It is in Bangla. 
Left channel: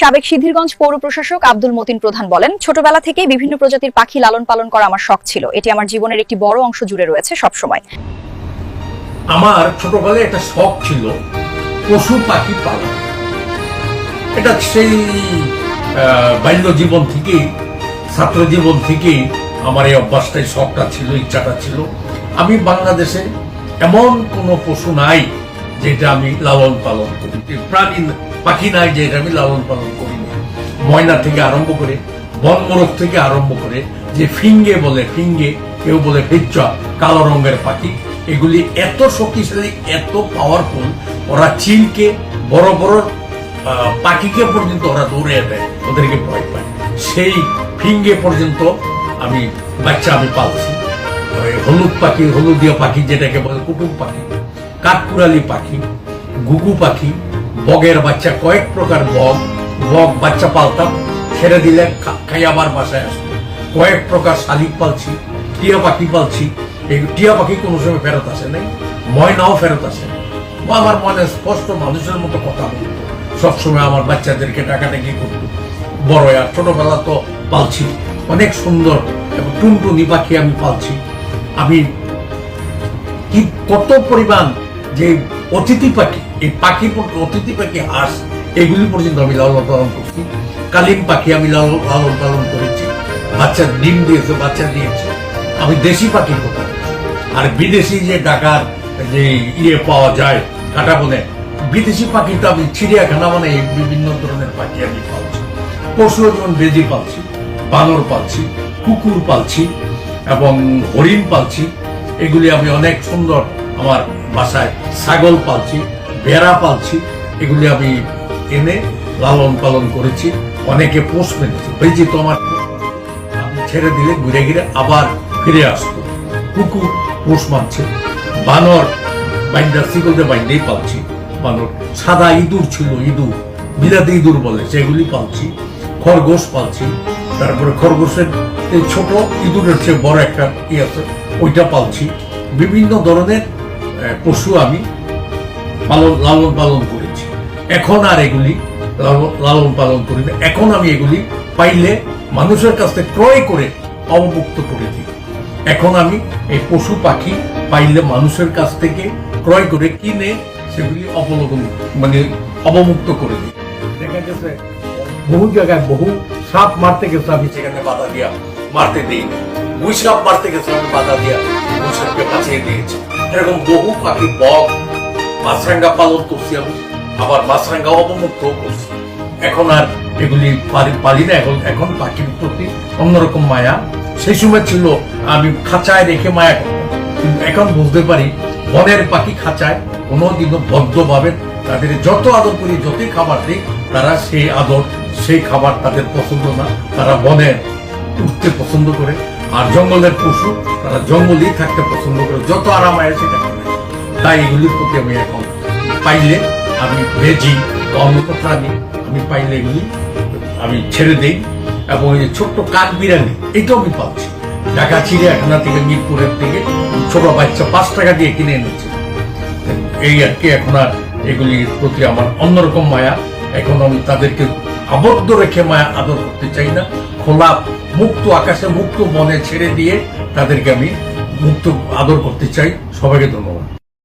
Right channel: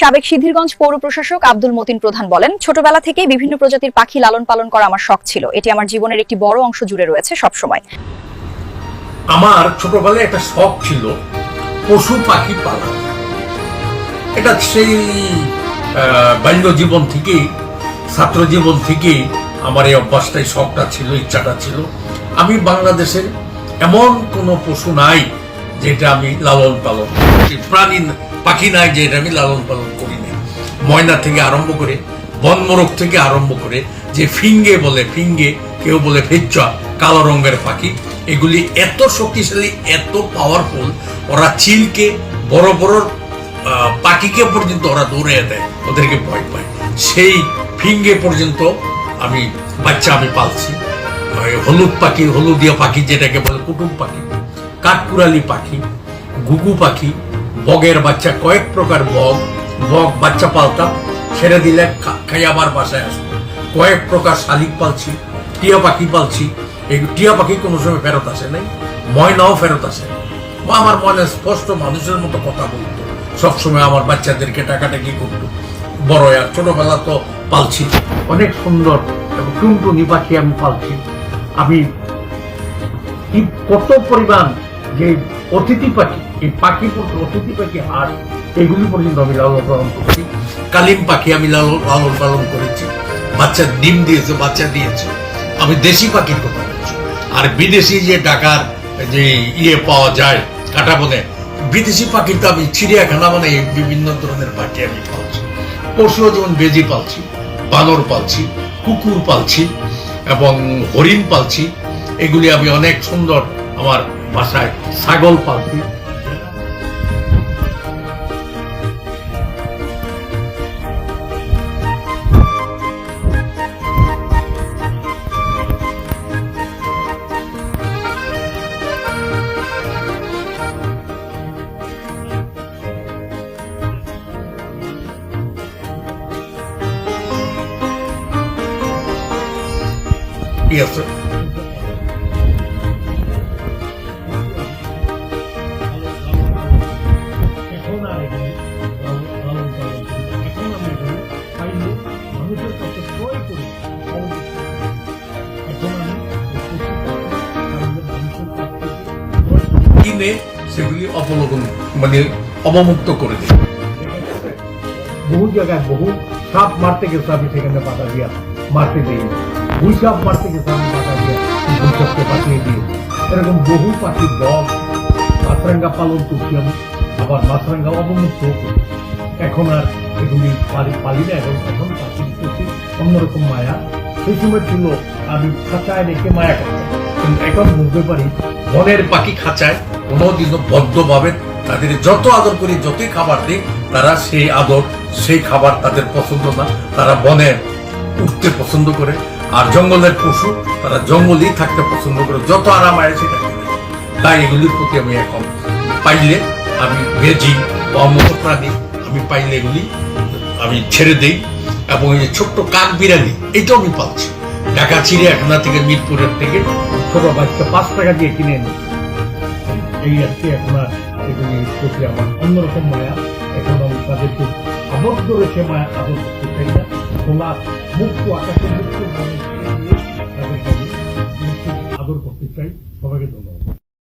সাবেক সিদ্ধিরগঞ্জ পৌর প্রশাসক আব্দুল মতিন প্রধান বলেন, ছোটবেলা থেকেই বিভিন্ন প্রজাতির পাখি লালন পালন করা আমার শখ ছিল। এটি আমার জীবনের একটি বড় অংশ জুড়ে রয়েছে সবসময়। আমার ছোটবেলায় একটা শখ ছিল পশু পাখি পালন। এটা সেই বাল্য জীবন থেকেই, ছাত্র জীবন থেকেই আমার এই অভ্যাসটাই, শখটা ছিল, ইচ্ছাটা ছিল। আমি বাংলাদেশে এমন কোন পশু নাই যেটা আমি লালন পালন, প্রাণী পাখি নাই যেটা আমি লালন পালন করি না। ময়না থেকে আরম্ভ করে, বনমোরগ থেকে আরম্ভ করে, যে ফিঙ্গে বলে, ফিঙ্গে কেউ বলে ফেচ্চা, কালো রঙের পাখি, এগুলি এত শক্তিশালী, এত পাওয়ারফুল, ওরা চিলকে, বড় বড় পাখিকে পর্যন্ত ওরা দৌড়ে দেয়, ওদেরকে ভয় পায়। সেই ফিঙ্গে পর্যন্ত আমি বাচ্চা আমি পালছি। হলুদ পাখি, হলুদিয়া পাখি যেটাকে বলে কুটুম পাখি, কাঠকুড়ালি পাখি, ঘুঘু পাখি, বগের বাচ্চা, কয়েক প্রকার বগ বাচ্চা পালতাম, ছেড়ে দিলে খাই আবার বাসায় আসবো। কয়েক প্রকার শালিক পালছি, টিয়া পাখি পালছি। এই টিয়া পাখি কোনো সময় ফেরত আসে নাই, ময়নাও ফেরত আসে। আমার মনে স্পষ্ট মানুষের মতো কথা বলতো, সবসময় আমার বাচ্চাদেরকে টাকাটাকি করতো। বড় আর ছোটবেলা তো পালছি অনেক সুন্দর এবং টুনটুনি পাখি আমি পালছি। আমি কি কত পরিমাণ যে অতিথি পাখি, এই পাখি, অতিথি পাখি, হাঁস, এগুলি পর্যন্ত আমি লালন পালন করছি। কালিম পাখি আমি লালন পালন করেছি, বাচ্চা ডিম দিয়েছে, বাচ্চা দিয়েছে। আমি দেশি পাখির কথা বলছি। আর বিদেশি যে টাকার যে পাওয়া যায় কাটা বনে, বিদেশি পাখি তো আমি চিড়িয়াখানা মানে বিভিন্ন ধরনের পাখি আমি পালছি। পশুও যেমন বেজি পালছি, বানর পালছি, কুকুর পালছি এবং হরিণ পালছি। এগুলি আমি অনেক সুন্দর আমার বাসায়, ছাগল পালছি, ভেড়া পালছি। এগুলি আমি এনে লালন পালন করেছি। অনেকে পোষবেন, বেজি তো আমার ছেড়ে দিলে ঘুরে ঘিরে আবার ফিরে আসতো। কুকুর পোষ মানছে, বানর বাইন্ডা সিগলতে বাইন্ডেই পালছি। বানর, সাদা ইঁদুর ছিল, ইঁদুর, বিলাতি ইঁদুর বলে, সেগুলি পালছি। খরগোশ পালছি, তারপরে খরগোশের এই ছোট ইঁদুরের চেয়ে বড় একটা আছে, ওইটা পালছি। বিভিন্ন ধরনের পশু আমি লালন পালন করেছি। এখন আর এগুলি লালন পালন করি না। এখন আমি এগুলি পাইলে মানুষের কাছ থেকে ক্রয় করে অবমুক্ত করে দিই। এখন আমি এই পশু পাখি পাইলে মানুষের কাছ থেকে ক্রয় করে কিনে সেগুলি অবমুক্ত করে দিই। দেখা গেছে বহু জায়গায় বহু সাপ মারতে গেছে, আমি সেখানে বাধা দিয়া মারতে দিই না। গুই সাপ মারতে গেছে, আমি বাধা দিয়া গুই সাপকে বাঁচিয়ে দিয়েছি। এরকম বহু পাখি, বক, মাছরাঙ্গা পালন করছি আমি, আবার মাছরাঙ্গা অবমুক্ত করছি। এখন আর এগুলি পালি না। এখন পাখির প্রতি অন্যরকম মায়া। সেই সময় ছিল আমি খাঁচায় রেখে মায়া করতাম, কিন্তু এখন বুঝতে পারি বনের পাখি খাঁচায় কোনোদিনও বদ্ধভাবে তাদের যত আদর করি, যতই খাবার দিই, তারা সেই আদর, সেই খাবার তাদের পছন্দ না। তারা বনে উঠতে পছন্দ করে, আর জঙ্গলের পশু তারা জঙ্গলেই থাকতে পছন্দ করে, যত আরাম হয় সেটা। তাই এগুলির প্রতি আমি এখন পাইলে, আমি ভেজি বা অন্য প্রাণী আমি পাইলে এগুলি আমি ছেড়ে দেই। এবং এই যে ছোট্ট কাক বিড়ালি, এটাও আমি পাচ্ছি ঢাকা চিড়িয়াখানা থেকে, মিরপুরের থেকে ছোট বাচ্চা 5 টাকা দিয়ে কিনে এনেছে। এই আর কি, এখন আর এগুলির প্রতি আমার অন্যরকম মায়া। এখন আমি তাদেরকে আবদ্ধ রেখে মায়া আদর করতে চাই না। খোলা মুক্ত আকাশে, মুক্ত মনে ছেড়ে দিয়ে তাদেরকে আমি মুক্ত আদর করতে চাই। সবাইকে ধন্যবাদ।